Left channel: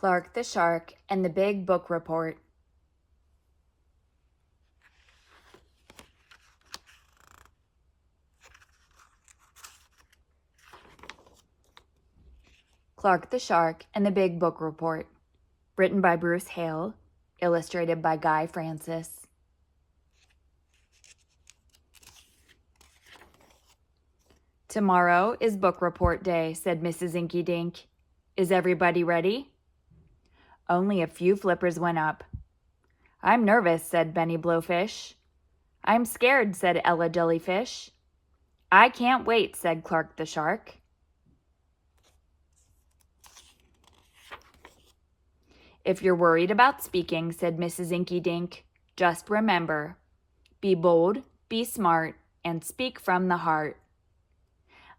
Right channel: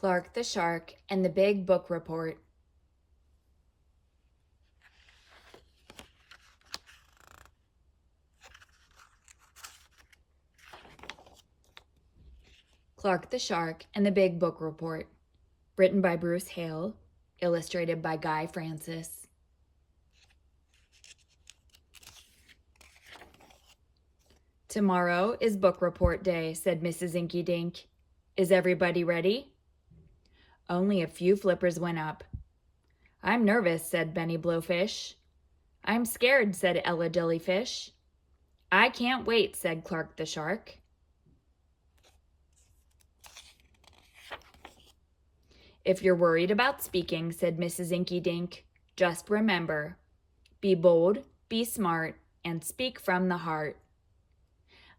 Clark the Shark and the Big Book Report. Clark the Shark and the Big Book Report. Written by Bruce Hale, illustrated by Guy Francis. "Tomorrow is book report day," said Mrs. Inky Dink. "Is everybody ready?" Only a few flippers went up. "I'm nervous," said Benny Blowfish. "I'm scared," said Ella Jellyfish. "I can't wait," said Clark the Shark. "If you're worried about speaking," said Mrs. Inky Dink, "just remember, be bold, be smart, and speak from the heart."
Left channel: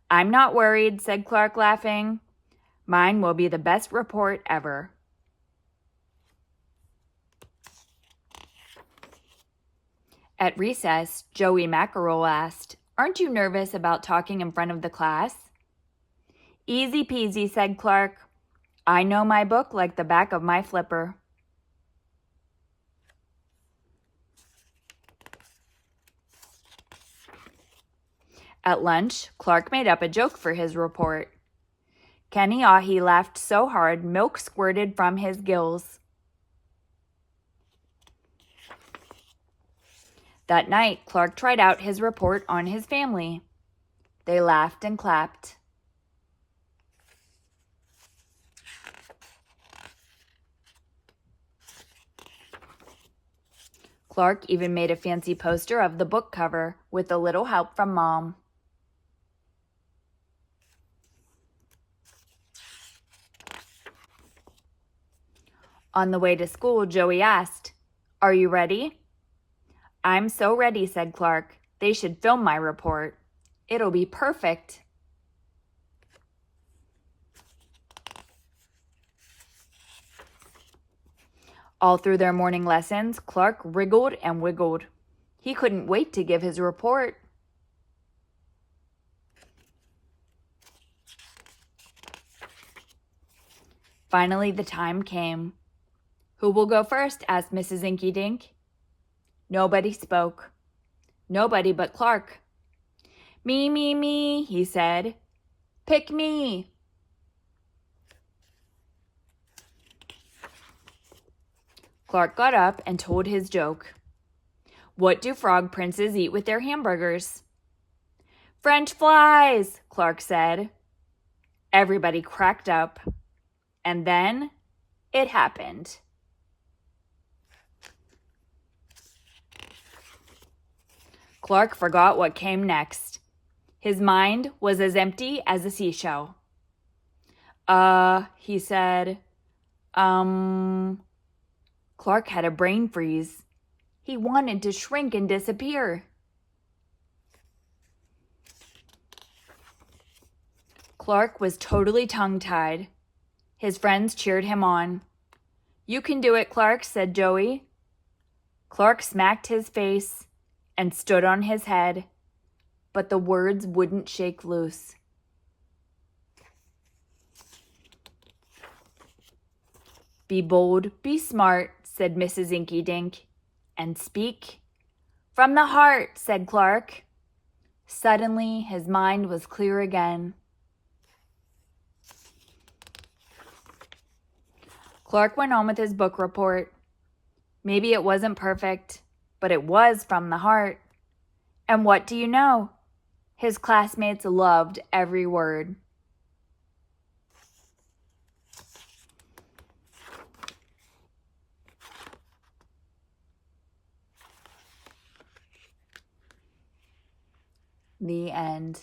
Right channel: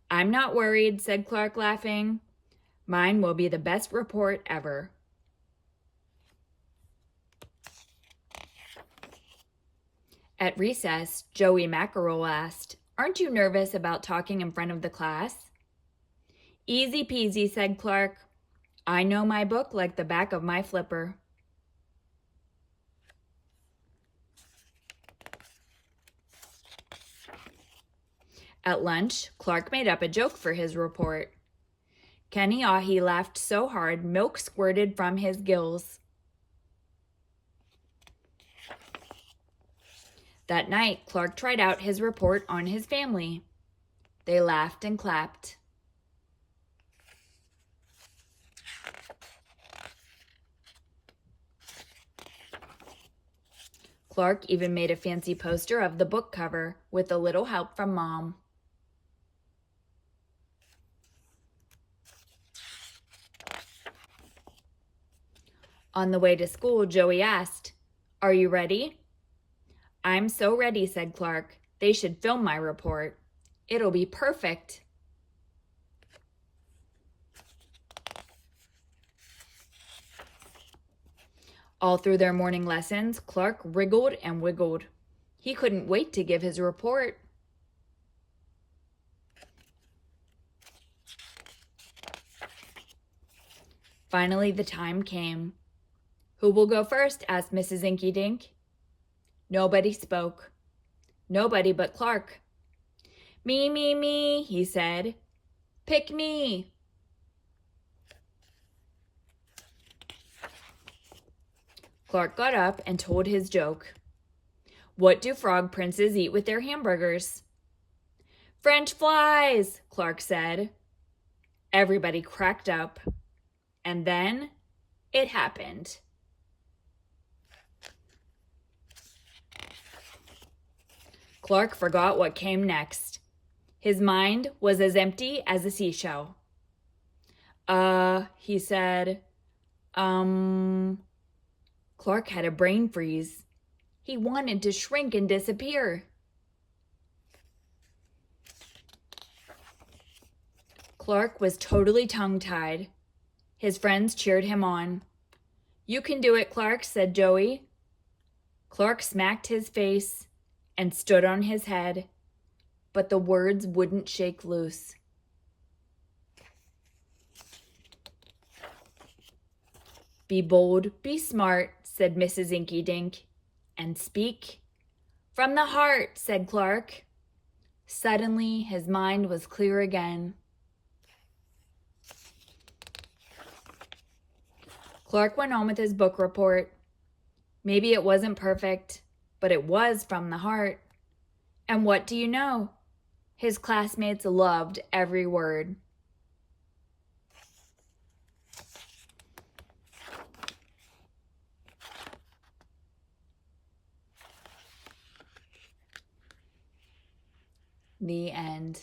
"I'm not worried," said Clark, laughing. "Mine will be the best report ever." At recess, Joey Mackerel asked, "Aren't you nervous about talking in front of the class?" "Easy peasy," said Clark. "I know my book like the back of my flipper." At lunch, Clark made up a joke for his report. Kenny Ahi laughed so hard milk squirted from his gills. That night, Clark tried out his report on his family. They laughed and clapped. Clark even made a fancy poster of the book cover with a little help from Mom. On the way to school, Joey asked, "Are you ready?" "I'm so ready," said Clark. "They should film my report. It'll be perfect." All through their morning lessons, Clark wriggled and wiggled. He couldn't wait to give his report. Finally, the time came. "Who will go first?" asked Mrs. Inky Dink. Nobody spoke. Nobody but Clark. "Me, me, me," he said. "Pick me." Clark got up and told his joke. "What do frog princes eat with their hamburgers?" "French flies," Clark said. Everybody cracked up. And then it happened. Clark forgot what came next. His mind was as empty as a seashell. He said. Clark had a brain freeze. He wanted to shrink and disappear. Clark was totally tongue-tied. His friends cheered him on. "You can do it, Clark," said Joey. Clark smacked his face and stood on his head, but the words wouldn't shake loose. "Be bold, be smart," said Mrs. Inky Dink, "and speak from the heart," said Clark. Suddenly, his mind was clear again. Clark went on with his book report. Maybe it wasn't perfect, but it was from the heart. And what do you know? His classmates loved every word. The end.